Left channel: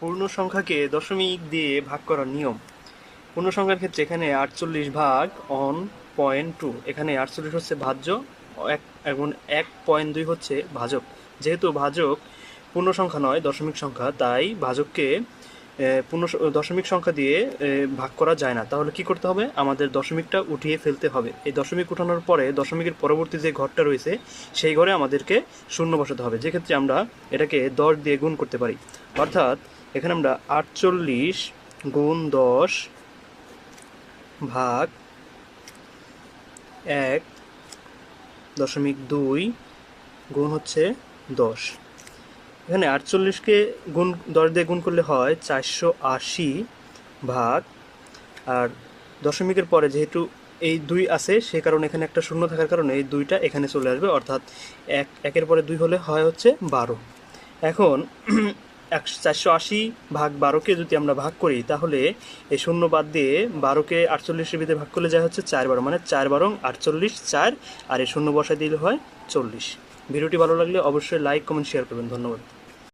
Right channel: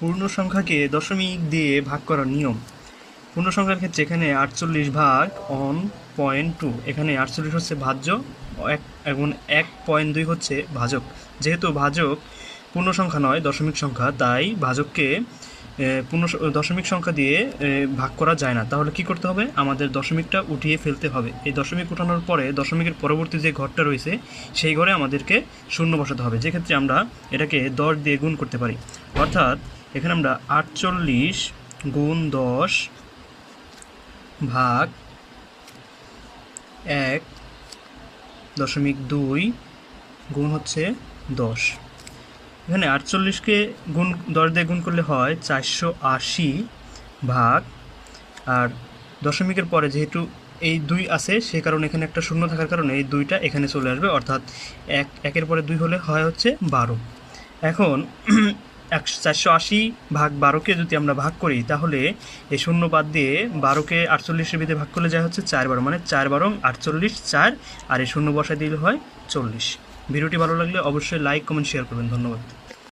পূর্ণ সংখ্যাকে দশমিক দিয়ে ভাগ করার নিয়ম। পূর্ণ সংখ্যার ক্ষেত্রে এখানে আটচল্লিশ ভাগ অন পয়েন্ট টু, এখানে আটচল্লিশ হচ্ছে ভাজ্য, এক এবং এক পয়েন্ট দুই হচ্ছে ভাজক। যেহেতু ভাজক পূর্ণ সংখ্যা নয়, দশমিক সংখ্যা, তাই ভাজককে পূর্ণ দশমিক সংখ্যা দিয়ে ভাগ করা যায় না। তাহলে কি করতে হবে? আমাদের দশমিকটা উঠিয়ে ফেলতে হবে। এই দশমিক উঠানোর পরে দশমিকের পরবর্তী যে ঘরটা রয়েছে, সেই ঘরে আমাদেরকে শূন্য বসাতে হবে। যেক্ষেত্রে আমরা এটাকে দশ দিয়ে গুণ করতে পারি। অর্থাৎ এখানে আমরা আটচল্লিশ গুণ দশ ভাগ এক দশমিক দুই গুণ হচ্ছে দশ। এখানে আটচল্লিশকে গুণ, দশ দিয়ে গুণ করলে হয় চারশো আশি ভাগ। আর দশমিকের পরে যেহেতু এই দুই আছে, সে কারণে এখানে একটা শূন্য থাকার কারণে এই দুইটা এখানে চলে আসবে, অর্থাৎ এক, একের পরে দুই হলে হয় হচ্ছে বারো। এখন এক চারশো আশি ভাগ বারোকে যদি আমরা ভাগ করি, তাহলে এই শূন্য বাদ দিয়ে বারোকে আটচল্লিশের ভিতরে ভাগ করলে যায় হচ্ছে চার বারো মানে চার বারো আটচল্লিশ চার, আর এই শূন্য বসায় দিলে হয় চল্লিশ। ভিডিওটি ভালো লাগলে অবশ্যই লাইক কমেন্ট শেয়ার করবেন। ধন্যবাদ।